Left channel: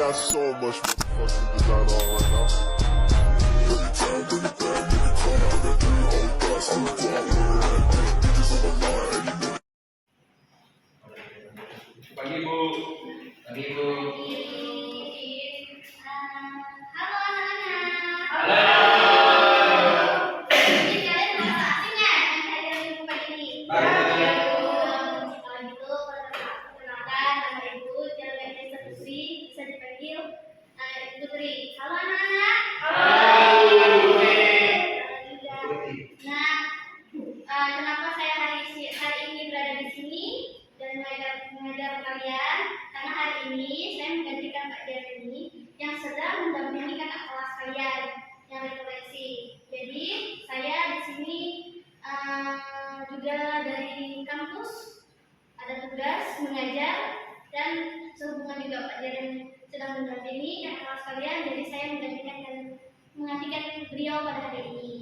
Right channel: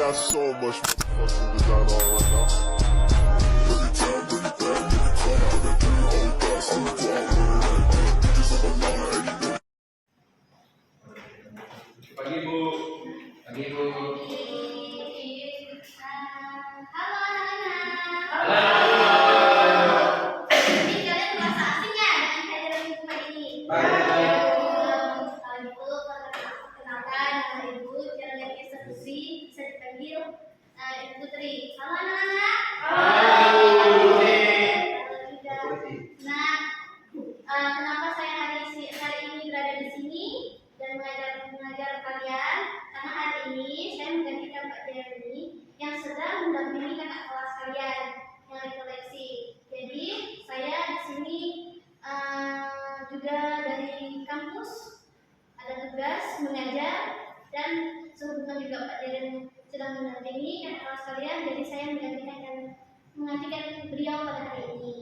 got so much fucking design on right now. Every time, bring it back, make it come out, that three old thoughts, I'm the block, bitches on my line, and you know. Pagi Bu. Pagi Bu. Halo anak-anak. Halo. Jadi kalian merasa asing nggak dengan kehadiran ibu pagi ini? Kalau gitu, perkenalkan nama ibu Jalan Desa Putri, bisa dipanggil Ibu Putri. Halo anak-anak. Halo juga. Nah, kenapa saya hari ini berada di sini dan mengajar kalian? Karena hari ini saya menggantikan Pak Jeremy yang sedang mendampingi kakak kelas kalian yang rekoleksi. Jadi saya di sini juga dari kampus ada tugas mengajar dan sehubungan juga Pak Jeremy sedang mendampingi kakak kelas kalian. Jadi saya menggantikan beliau pada hari ini.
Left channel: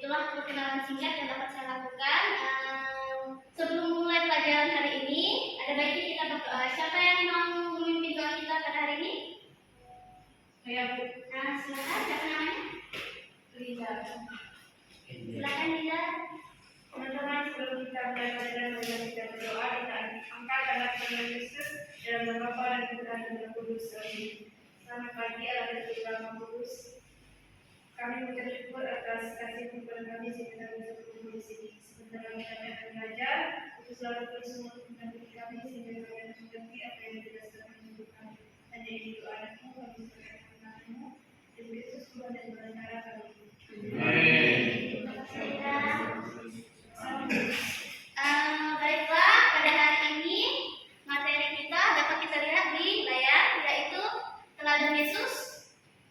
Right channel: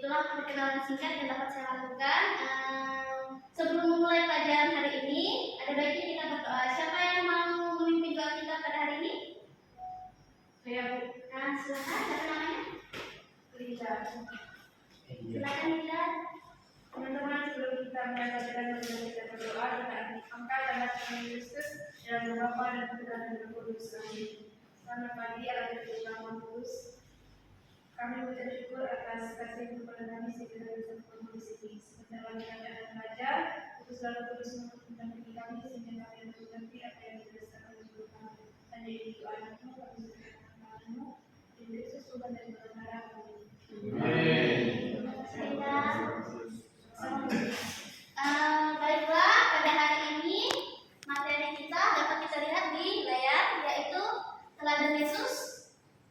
Itulah perkenalan singkat yang dapat saya lakukan. Sebelum memulai pelajaran hari ini, ada baiknya kita berdoa. Siapa yang mau memimpin doa kita pada hari ini? Saya Bu. Nah, silakan. Siapa namanya? Liza. Silakan Liza. Teman-teman, sebelum kita mulai pelajaran, marilah kita berdoa. Kita angkat tangan Tuhan Yesus dalam nama Bapa dan Putra dan Roh Kudus. Amin. Selamat pagi, Allah dan Tuhan Maha Kudus. Kami mengucap syukur atas kasih kepada kami sehingga kami bisa berkumpul di sini. Sebentar lagi kami akan belajar. Untuk selalu terus mendampingi kami sehingga kami akan mengerti apa yang dirasakan hidup kami. Hanya ini doa anakmu, kami serahkan tanganmu. Dan Yesus Tuhan dan Bapa kami. Amin. Terima kasih Liza. Baiklah, pada hari ini materi kita dapat kita lihat di layar, yaitu teladan Yesus.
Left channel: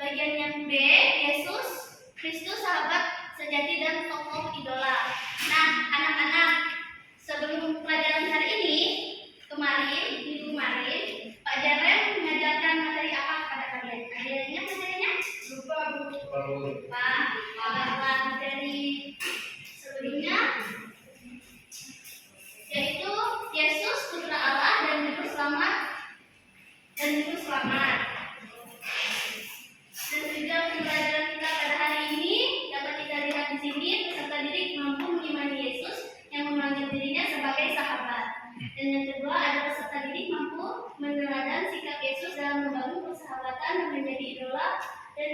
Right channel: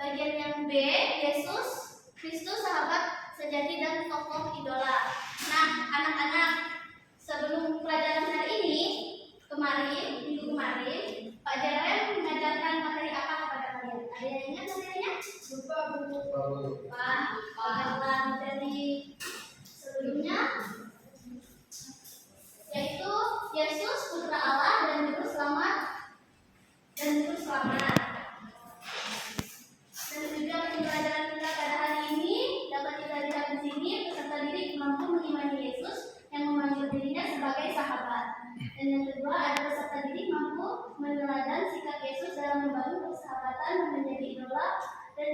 Bagian yang B, Yesus Kristus, sahabat sejati dan tokoh idola. Nah, anak-anak, sebelum pelajaran hari ini, minggu kemarin, Pak Jaren mengajarkan materi apa kepada kalian? Ada yang ingat materinya? Lupa Bu. Pak, bagian materi sebelumnya, yaitu Yesus Putra Allah dan Juru Selamat. Dan juga pelajaran kita pada hari ini dapat kita lihat di sini, peserta didik mampu mengimani Yesus yang memanggil dirinya sebagai sahabat. Dan yang kedua ada peserta didik mampu meneladani sikap Yesus dalam membangun persahabatan dan menjadi idola dan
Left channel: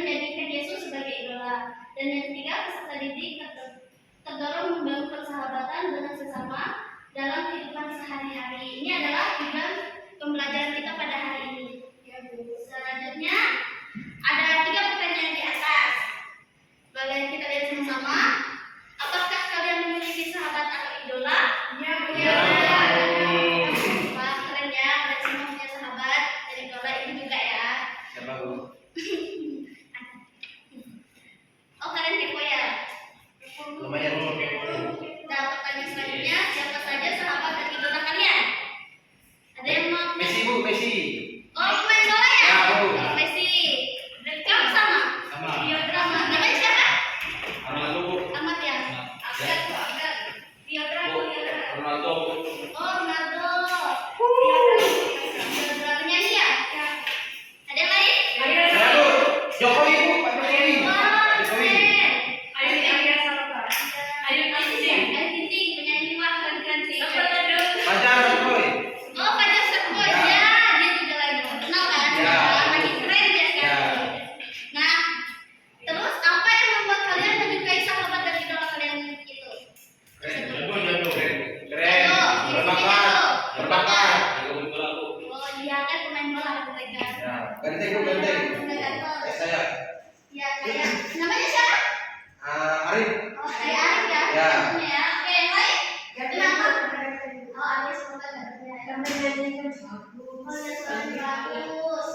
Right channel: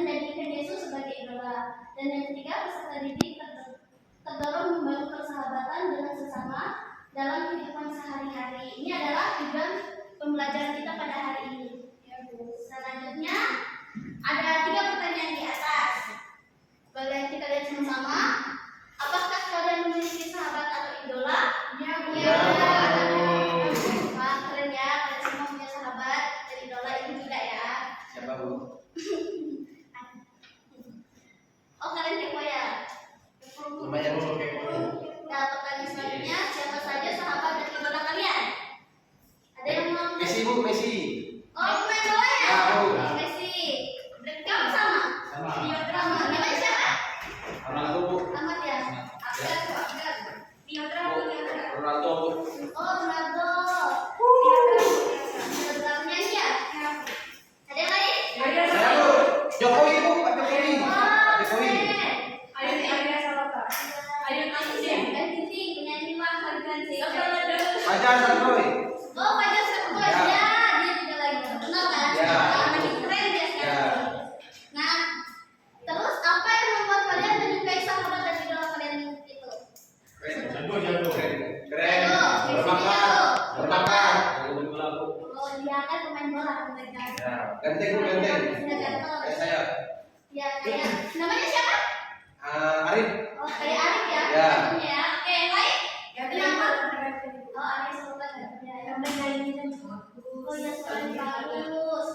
menjadikan Yesus sebagai idola. Dan yang ketiga peserta didik terdorong membangun persahabatan dengan sesama dalam kehidupan sehari-hari. Ini adalah tujuan pembelajaran kita pada hari ini. Selanjutnya ada 3 pertanyaan di atas. Boleh kita lihat sama-sama. Apakah kalian memiliki sahabat atau idola? Ya Bu. Wah, keren ya, kalian semua punya sahabat dan idola. Itu juga ya. Siapa Bu? Oh, kalian kepo ya? Lumayan Bu kepo. Nah, pertanyaan selanjutnya, siapa saja sahabat dan idola kalian? Ada yang mau? Messi Bu, Messi. Oh, pemain bola ya? Ya, Bu. Messi. Berarti kamu sama? Sama. Drama. Namanya siapa? Ronaldo Bu. Ahmad ya? Abdul. Bu, Ronaldo Bu. Oh, Ronaldo. Nyanyi ya? Ada yang lain? Ayo. Saya Bu. Jokowi Bu, Pak Jokowi. Wah, Jokowi. keren. Ayo Salata. Ayo Tinting. Tinting, penyanyi wah keren sih. Fajar Boy. Oh, Fajar Setboy Ya. ya, dia juga lagi terkenal kan? Ya. Makin keren dia sekarang. Ya. Nah, terus apa yang membuat kalian menyukai sahabat dan idola kalian itu? Jago. Keren. Jago. Berbakat. Berbakat. Oh, dia kan pemain bola mereka. Ya. Ganteng Bu, ganteng. Ganteng. Saya. Ya, kayak namanya siapa? Arif. Oh, kayak Arif ya. Ya. Ya, oke, yang lain? Kenapa? Oh, Arif semoga ya. Oh, ya, suaranya bagus.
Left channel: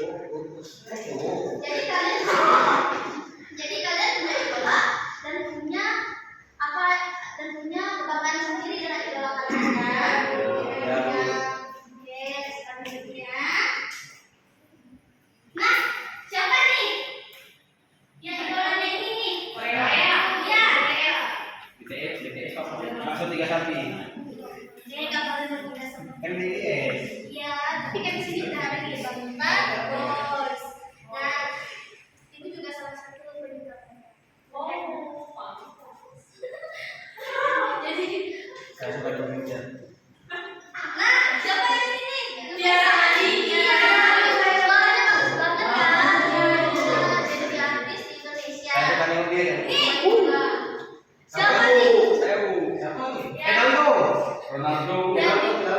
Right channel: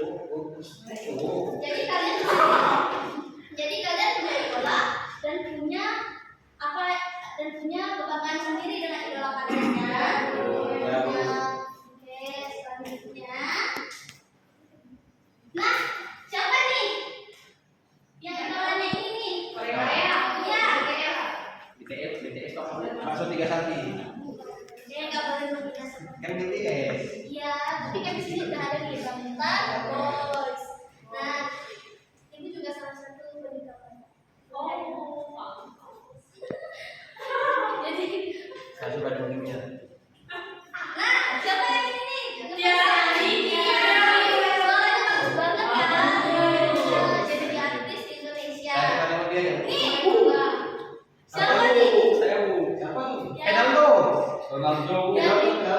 Oh. Jadi kalian punya idola dan punya kebanggaan sendiri dengan idola kalian kan? Ya. Oke, selanjutnya. Nah, siapa nih? Yang idolanya ini nih? Korea. Iya. BTS Pak. Maksud 3 Salvi. Dia nggak boleh berpindah sama. Kan BTS. Iya, Saya coba dongengnya. Nah, siapa yang ini? Dia. Suaranya bagus banget kan? Nah, jadi artis di Indonesia. Saya coba nengok dia ya. Nih, siapa nih? Siapa nih? Ya. Ronaldo. Ronaldo. Ronaldo.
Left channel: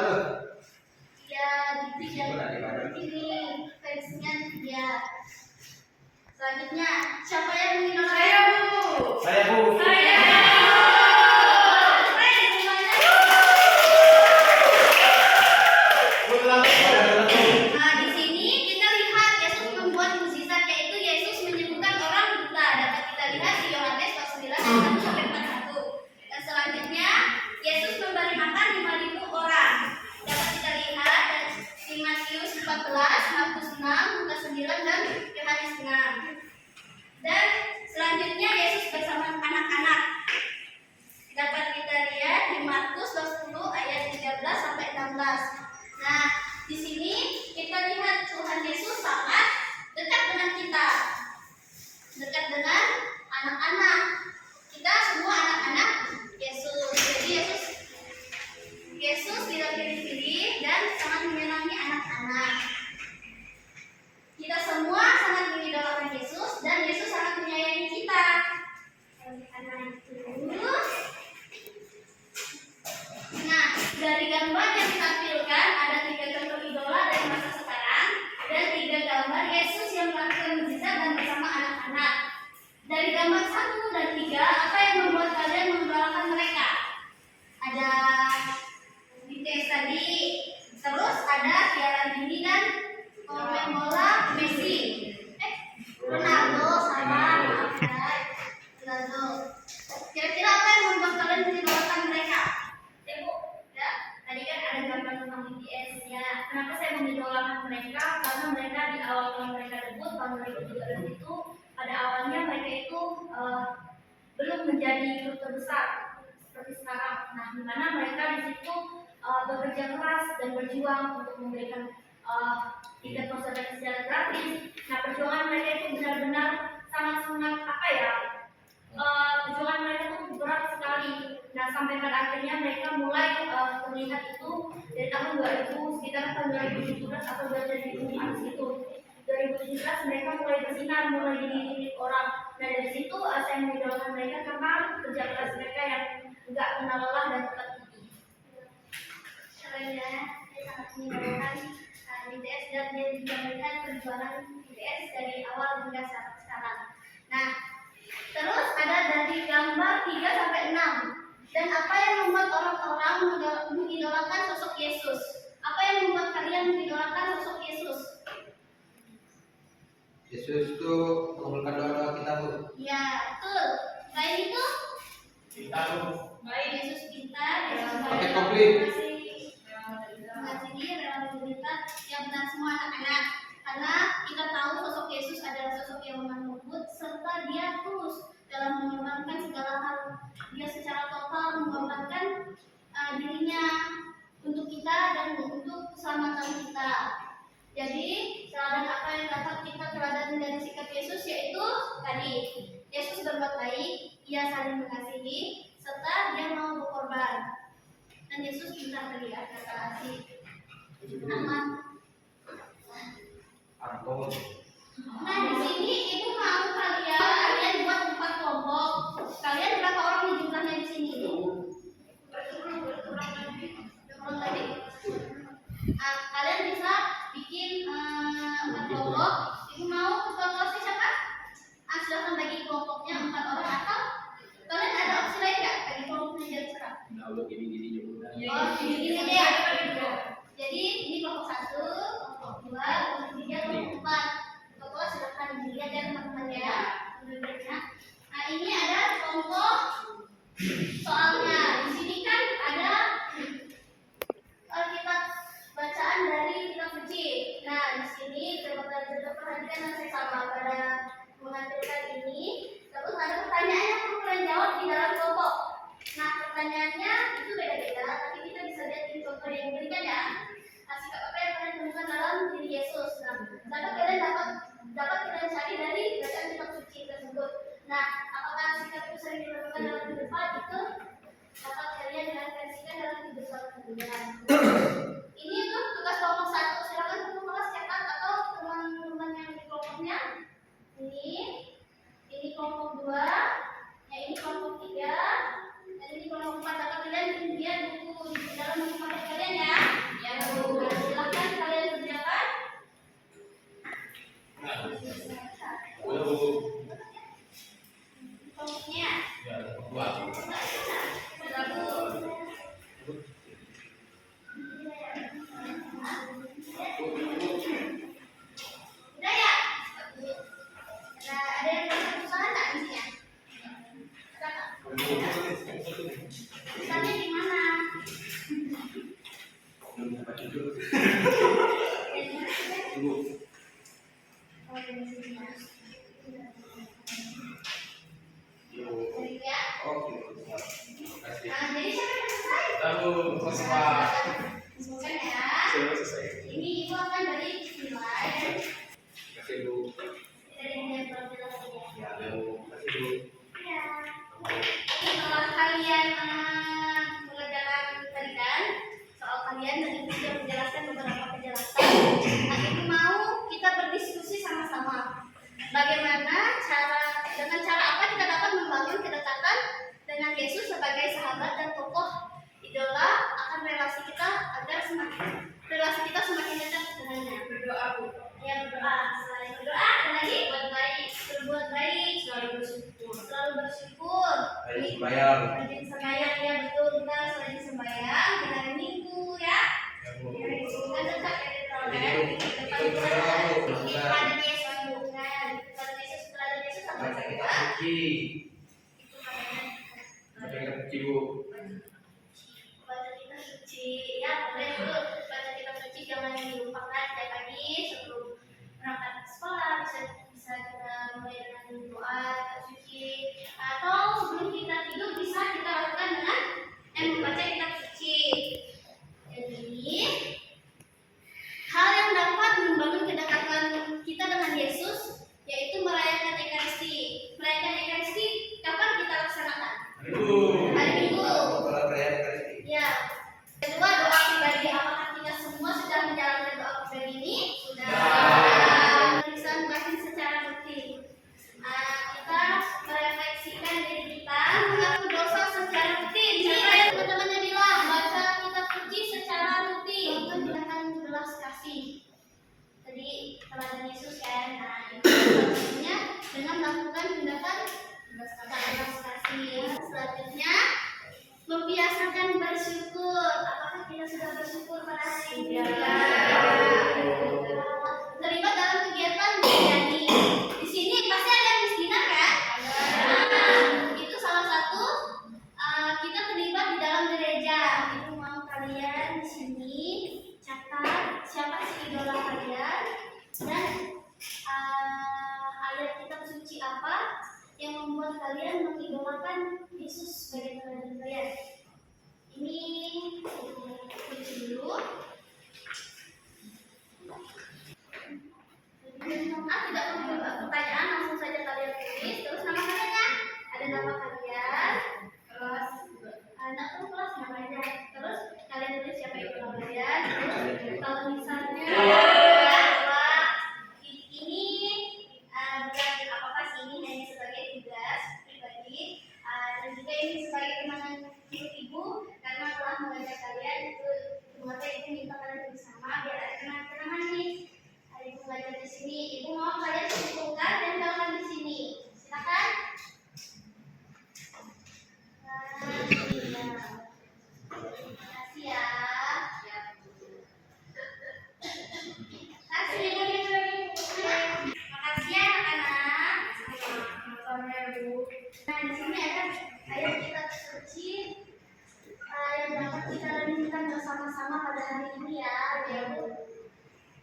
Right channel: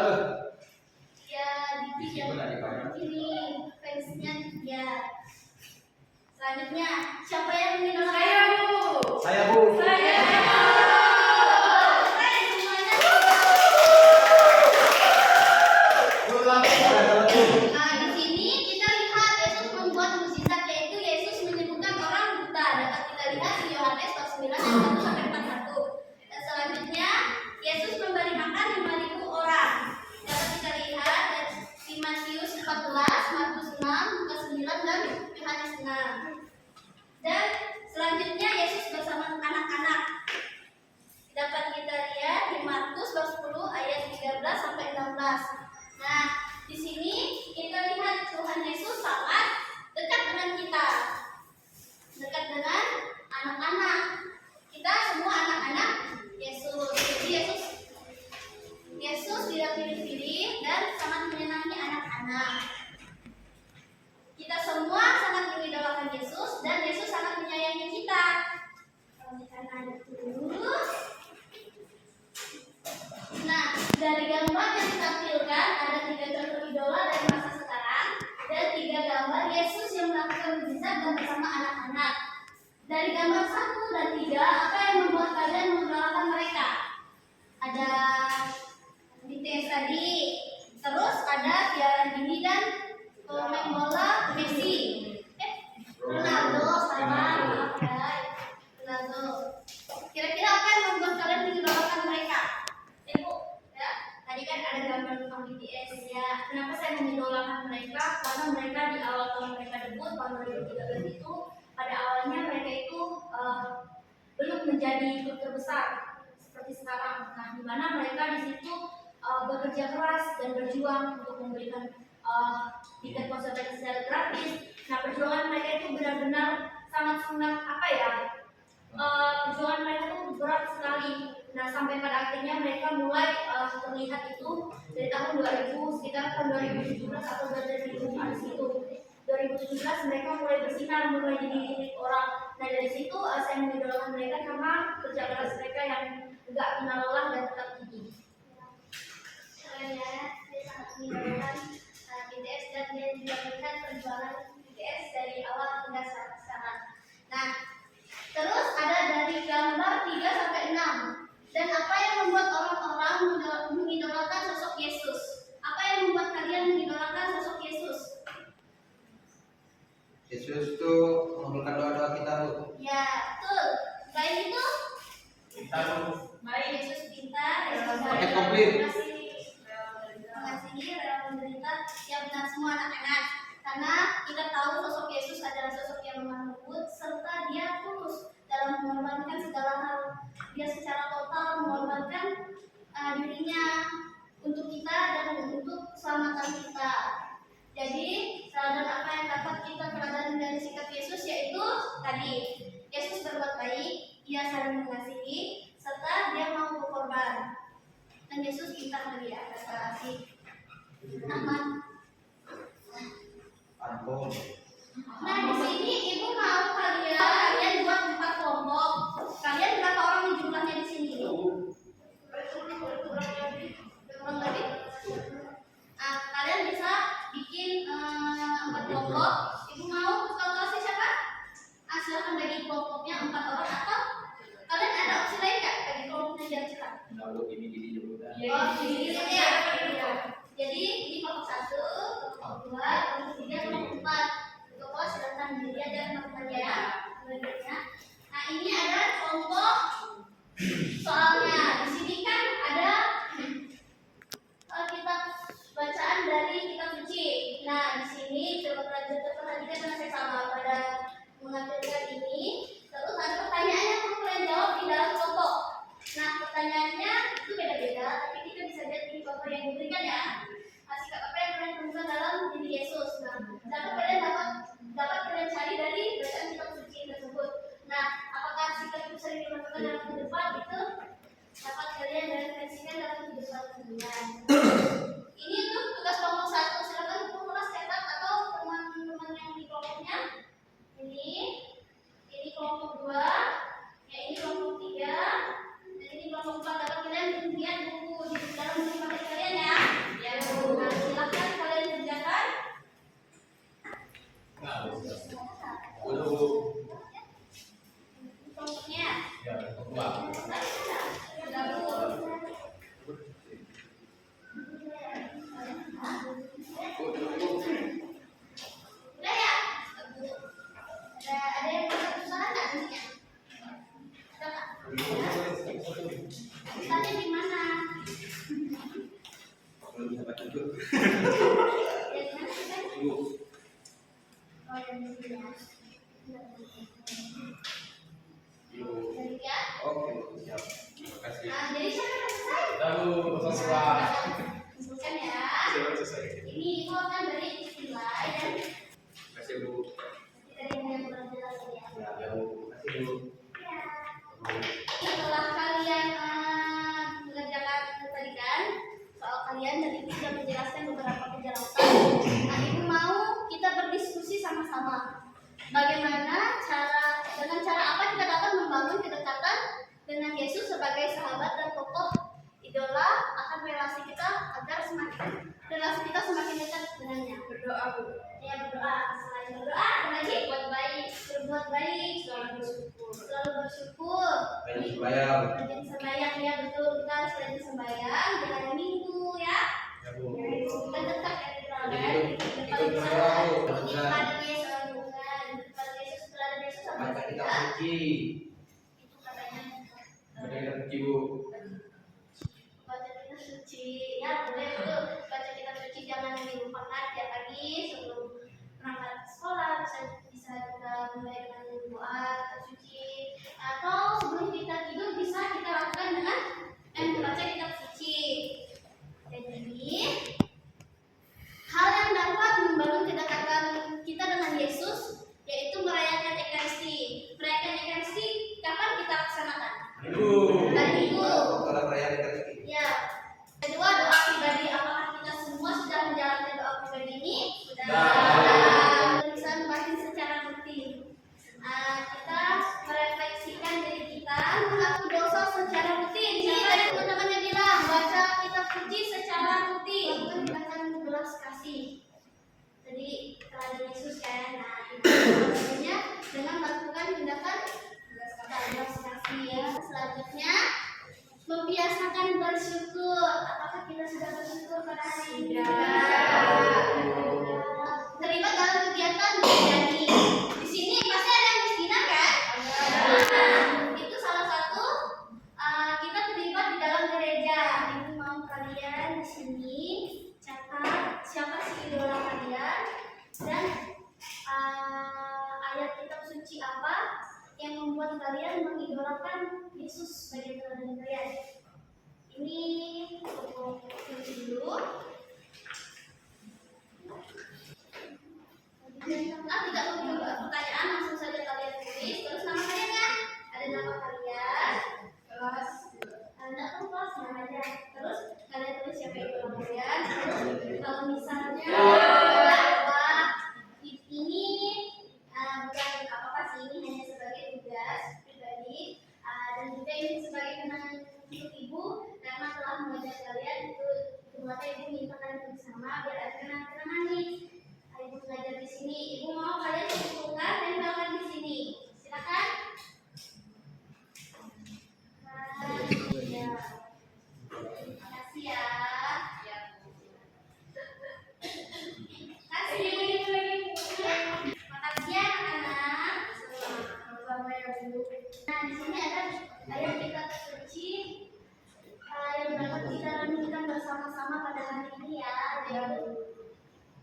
Ya, di sini fansnya dia. Selanjutnya, siapa yang mengidolakan? Saya, Bu. Saya Bu. Saya. Keren semuanya. Nah, di sini kita lihat Yesus membuat mukjizat, yaitu Yesus menyembuhkan orang buta. Dapat kita lihat di Yohanes pasal 9 ayat 1 sampai 41. Dan selanjutnya, Yesus memberi makan 5.000 orang. Dapat kita lihat di Matius 14, Markus 6, Lukas 9 dan Yohanes 6. Dan selanjutnya Yesus bersama anak-anak. Dapat kita lihat di Markus 20 ayat 13 sampai 16. Nah, di sini kita lihat Tuhan Yesus sangat dekat dengan kita. Dekat dengan anak-anak. Kita semua anak-anak Yesus. Jadi Yesus tidak pilih-pilih dan sangat menyenangi anak-anak. Kita semua sangat mengidolakan Yesus dan Yesus sangat menyayangi kita. Karena itu, nah, dari gambar yang ditampilkan ada 3 contoh idola dari masa sekarang dan 3 gambar Yesus yang melakukan mukjizat dan bersama anak-anak. Dari gambar 1 dan 3, apa yang membuat kalian mengidolakan mereka? Ada BTS tadi, terus ada Tiara Dini dan pemain bola Messi. Ronaldo, salah, maaf guys. Ronaldo. Kira-kira apa yang membuat kalian mengidolakan mereka? Bu, ya, tadi kan ada gambar tentang BTS ya. Kenapa saya mengidolakan mereka? Karena mereka di awal tahun mereka debut tahun 2013 itu, pada awalnya mereka itu belum menjadi klub terbesar seperti sekarang. Nah, di mana mereka di situ bekerja keras dan berjuang untuk memberikan tiket konser secara gratis. Nah, perjuangan mereka itu benar-benar sangat-sangat apa ya? Perjuangan mereka itu berat sekali. Nah, sampai pada akhirnya mereka mulai terlihat itu dari tahun 2000, sekitar tahun 2017 atau 2018 itu. 2017 mereka mulai bersinar, mulai dilihat orang. Nah, dari situ saya mengidolakan mereka karena kerja keras mereka yang enggak kenal lelah dan tetap tinggi. Keren ya, saya sangat mengidolakan BTS dan dia juga melihat perjuangan BTS dari awal hingga sekarang. Nah, terus ada dari gambar 3 sampai 6. Dan apa yang membuat orang-orang mengidolakan sosok Yesus? Apa yang membuat kalian mengidolakan sosok Yesus? Yesus itu mengabulkan doa-doa kita, Bu. Ya, betul. Selain itu, Baik. Yesus pintar, Yesus Paket baik, komplit. mengasihi, rela menderita, ya benar semua anak-anak. Karena kita tahu sosok Yesus adalah sosok yang lemah lembut serta dia tulus dalam mengorbankan segala hal. Dia secara total mengorbankan dirinya untuk kita dan untuk keselamatan kita. Jadi, teladan apa yang dapat kita teladan dari sikap Yesus yaitu tadi, Yesus berbuat baik, ia saling mengasihi, serta dia mau berkorban. Dan Yesus pintar dari kata asih. Aman. Ampun. Nah, di sini ibu mau kalian buat 4 kelompok. Kalian berapa orang nih jumlahnya di sini? Berkurang tadi. Kalian bisa bikin 4 kelompok. Ibu mau ketua kelasnya siapa? Silakan bagi kelompoknya 4 orang atau kalian ada opsi lain nggak bagi kelompoknya biar cepat? Oh, gini ya. Jadi ini kelompok 1, kelompok 2, kelompok 3, kelompok 4. Ketua kelas silakan dilihat ya teman-teman ya. Nah, ini ada kelompok soalnya. Di sini kan ada kitab bacaan dari kitab suci. Nah, di sini coba perhatikan dan saya sama pada mengajarkan ini. Terus ada pertanyaannya yang kalian jawab di dalam kelompok. Nah, pertanyaannya itu beda-beda, tapi kita bisa lihat di contoh yang diberikan ya. Sikap apa yang kalian temukan dalam diri Yesus. Nah, kalian dapat kalian cari dari bacaan kitab suci tersebut. Nah, apakah sikap itu sering dilakukan dalam kehidupan itu dapat kalian referensikan Ini untuk tugas kelompok 1. Silakan untuk kelas catat atau teman-teman yang di kelompoknya. Ini kelompok 2, ya ini kelompok 3, dan ini kelompok 4. Atau kalian lihat buku di dalam buku paket kalian ya. Ya Bu. Nah, silakan kalian kerjakan. Udah Bu. Kelompoknya. Ya, kelompok 2. Sudah Bu. Udah ya? Bu. Ada yang susah nggak di sini? Ada nggak? Susahnya di mana? Belum dapat jujur. Ya, di mana susahnya? Ibu. Oh, yang di sini ya. Ibu. Jadi ya. Oke, siap. Terima kasih. Nah, jadi siapa yang selesai? Tahu, selesai. Bukan ya. Selesai. Ini ibu akan beri nilai dan Terima kasih Bu. dari yang berjelas ya. Ya, Bu. Terima kasih Bu. Ya. Setelah kalian mengerjakan tadi kan soal kalian dan ibu sudah menjelaskan beberapa penjelasan. Nah, ibu mau kita berdiskusi sama-sama. Bagaimana dengan cara apa kita dapat membangun kedekatan dengan Yesus sebagai sahabat dan tokoh idola akan relasi kita agar relasi kita semakin dekat dengannya. Berdoa Bu. Ya, berdoa. Selain berdoa, ada lagi berbuat baik, selalu bersyukur. Ayo sembahyang. Rajin sembahyang, ya betul. Kita selain sembahyang, jalan minggu ya. Ya Bu. Ya, kita dekat ya di Ikut depan berdoa, Bu. di pada Yesus bukan di depan Yesus, pada Yesus apa Baca kitab kita? suci. Itu katanya. Baca kitab suci Bu. Baca kitab suci, ya boleh itu. Baca kitab suci jangan dilupakan setiap pagi sebelum berangkat ke sekolah. Bisa kita mulai dengan doa kitab suci, atau sebelum kita tidur bisa kita lakukan dengan membaca kitab suci. Jadi hal yang dapat membangun kedekatan kita dengan Yesus yaitu merayakan Ekaristi. Merayakan Ekaristi kapan kita laksanakan? Ibu. Hari Minggu. Kalau saya Ekaristi. Ya. Kedua, doa pribadi. Apakah kita semua sudah menjalankan doa pribadi ini? Sudah. Pemeriksaan batin secara rutin. Kita merefleksikan diri kita, mengaku dosa secara rutin. Siapa yang teman-temannya bilang baca kitab suci secara rutin dengan belas kasih. Tadi teladan Yesus kan. Nah, itu salah satunya dengan melakukan tindakan belas kasih ya. Selanjutnya membiasakan bersyukur. Apakah kita sudah bersyukur pada hari ini? Terlibat dalam kegiatan menyanyi. Di sini pasti ada yang miskinan kan? Itu salah satu kita terlibat di dalam gereja. Ibu mau kalian di sini catat siapa sih idola kalian dan ayat kitab suci apa yang membuat kalian mengidolakan Yesus sebagai teladan kalian. Ini aku tulis dulu. Tidak perlu pertanyaan, langsung saja kalian tulis. Terus nama kalian, ada nama kalian, kelas, tidak perlu kelas nama aja. Terus kalian tulis siapa idola kalian. Terus kalau misalnya ini bukan apakah sih ini hanya sebagai tugas pribadi dan juga ini sebagai kenangan untuk ibu karena telah mengajar kalian itu buatnya ibu minta kalian bersama biar ada kenangan nih. Ibu mengajar di sini, ibu mau kalian kumpulkan dan tempelkan di sini. Silakan. Nah, ya. Terima kasih ya. Kasih ibu lagi. Makasih ya anak-anak. Sama-sama ya Bu. Nah, di sini ada ayat kitab suci yang dapat kita renungkan bersama-sama pada hari ini ya, ya Bu.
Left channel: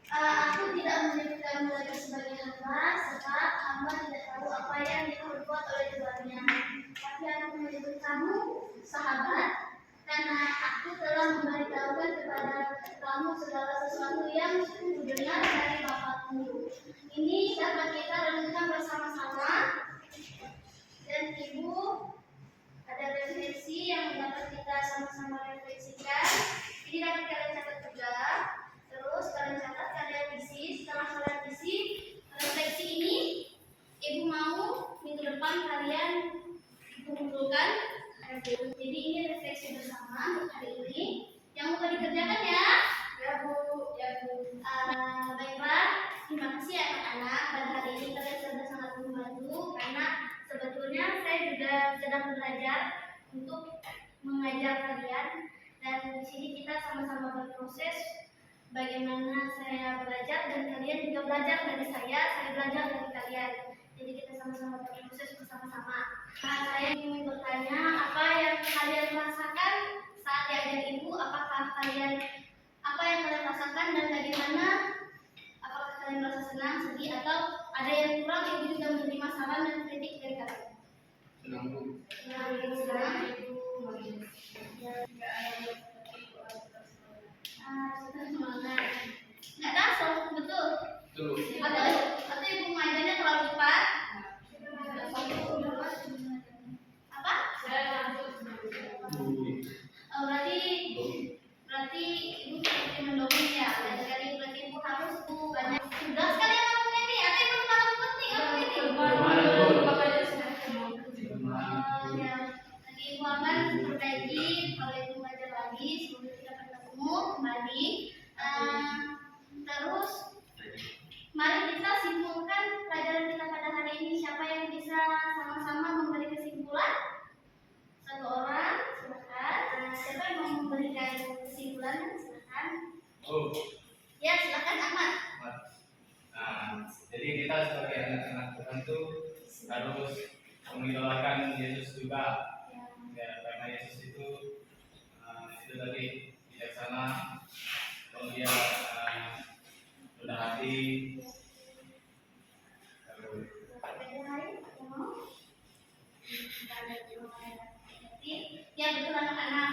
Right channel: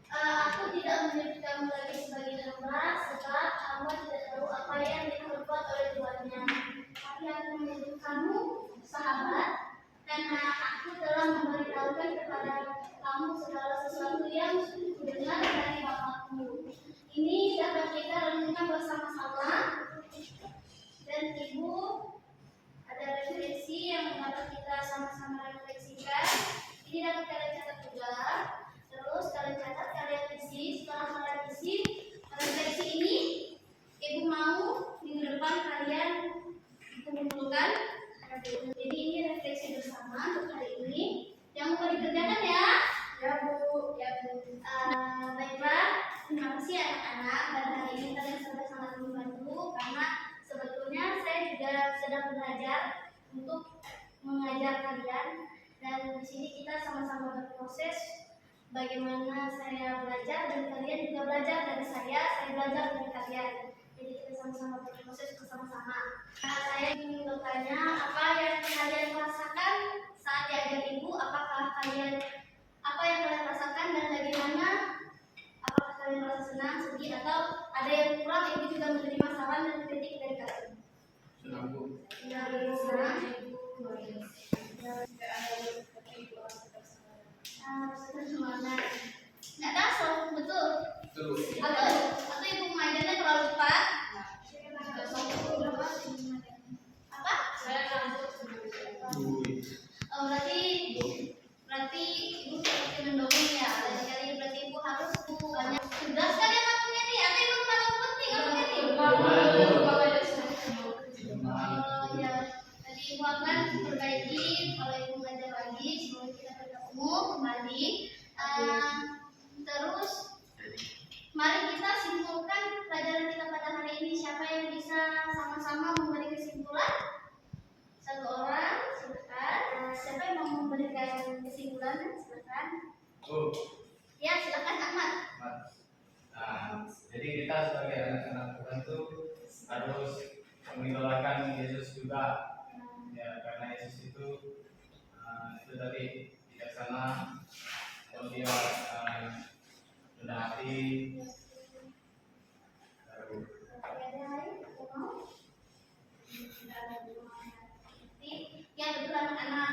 Aku tidak menyebut kamu lagi sebagai hamba, sebab hamba tidak tahu apa yang diperbuat oleh tuannya. Tapi aku menyebut kamu sahabat, karena aku telah memberitahukan kepada kamu segala sesuatu yang kudengar dari Bapakku. Ini dapat kita renungkan bersama-sama. Dan ibu ada refleksi yang dapat kita sama-sama refleksikan. dapat kalian catat juga. Terus kalian catat, kalian isi. Setelah kalian isi refleksi ini, ibu mau minggu depan kalian kumpulkan. Jadi ini refleksi bersama untuk hari ini. Yang mau dikerjakan ya? Ya Bu, ya Bu. Baiklah, terima kasih anak-anak. Pada hari ini kalian sudah sangat membantu karena sebetulnya saya juga sedang belajar untuk mengajar kalian, dan di sini kita sama-sama berproses bagaimana saya belajar dan kalian juga belajar dari saya belajar dari kalian. Jadi kita sama-sama berproses bersama-sama. Saya ingin bertanya, apa yang kalian rasakan saat diajar ibu? Apa yang kalian rasakan dan bagaimana? Apakah kalian merasa senang, sedih, atau ada yang kurang? Ibu juga menerima saran dan kritik dari kalian. Senang Bu. Senang. Sudah semangat. Nggak tahu, betul. Betul. Atau ibu mengajarnya terlalu cepat? Apa? Berarti ibu seperti mendongeng ya. Dari berarti ibu harus banyak tugas. Kalian ngomongnya nih, atau ibu terlalu penting ngomongnya nih? Ya, nanti ibu akan perbaiki kalau ibu ngajar lagi. Semoga kita bertemu kembali. Terus, mari kita simpulkan pelajaran kita pada hari ini. Siapa yang bisa sama-sama memberi kesimpulan? Satu orang, silakan. Siapa yang mau memberikan kesimpulan? Silakan. Oh, Ya, silakan Ahmad. nah, jadi kita sebagai anak-anak Tuhan tuh harus mengidolakan Yesus juga. Ya, karena Yesus itu tadi bijaksana, dia rendah hati. Lalu, Ada lain yang mau? Ya, betul anak-anak.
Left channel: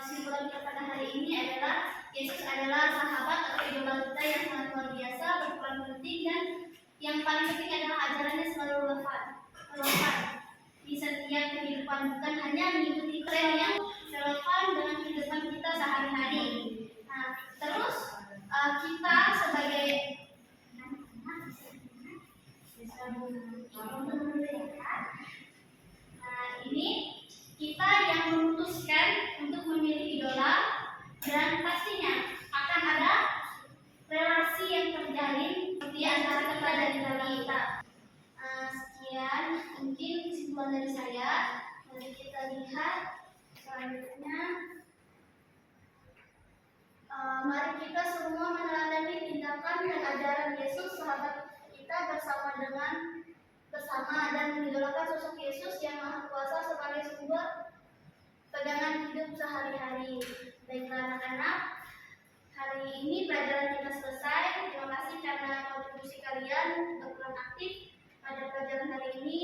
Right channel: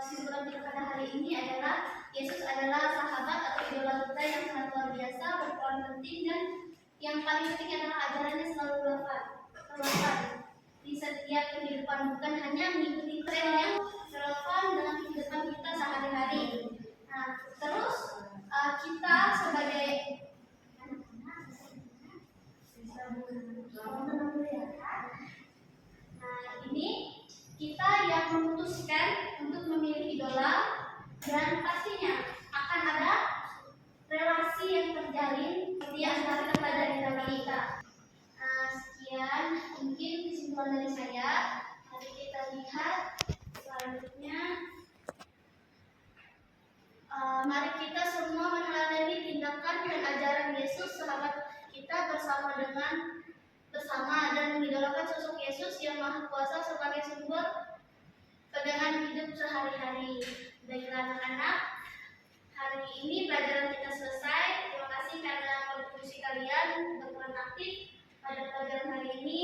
Kesimpulan kita pada hari ini adalah Yesus adalah sahabat atau idola kita yang sangat luar biasa, berperan penting, dan yang paling penting adalah ajarannya selalu relevan di setiap kehidupan, bukan hanya mengikuti tren yang relevan dengan kehidupan kita sehari-hari. Nah, terus kita sebagai ini kita yang memutuskan untuk memilih idola, dan pastinya akan ada relasi yang terjalin di antara kita dan idola kita. Sekian mungkin kesimpulan dari saya. Mari kita lihat selanjutnya. Mari kita semua meneladani tindakan dan ajaran Yesus, sahabat kita, bersama dan mengidolakan sosok Yesus yang Maha Kuasa sebagai sumber pegangan hidup sehari-hari. Baiklah anak-anak, hari ini pelajaran kita selesai. Terima kasih karena kontribusi kalian berperan aktif pada pelajaran hari ini,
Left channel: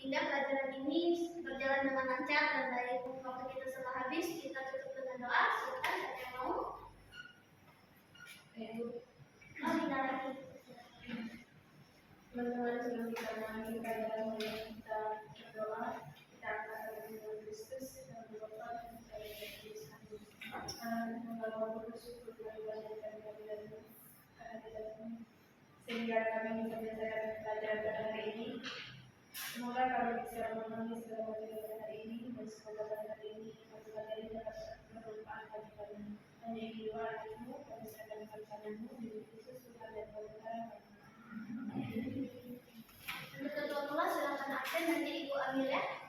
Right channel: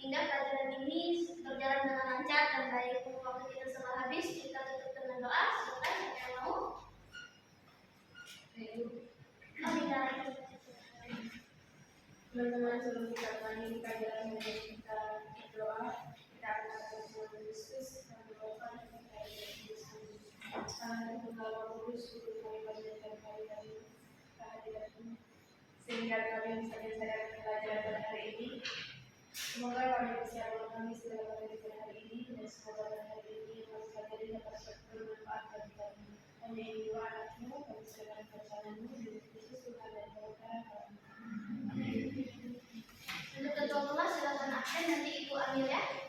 hingga pelajaran ini berjalan dengan lancar dan baik. Waktu kita telah habis, kita tutup dengan doa. Silakan siapa yang mau? Teman-teman, sebelum kita mengalami pelajaran yang kita berdoa, kita akan berdoa Kristus dan berdoa kita mengalami Kudus untuk kami belajar kami dari kehadiran-Mu, sehingga kami bisa menyelesaikan pelajaran pada hari ini. Semoga kami bisa memahami segala materi pada hari ini, dan semoga pada hari ini kami pelajari dapat bermanfaat bagi kami. Hanya ini doa anak-Mu, kami serahkan perencanaan-Mu, di Kristus Tuhan dan Bapa. Untuk ketua kelas silakan absen, nanti Ibu ambil ya.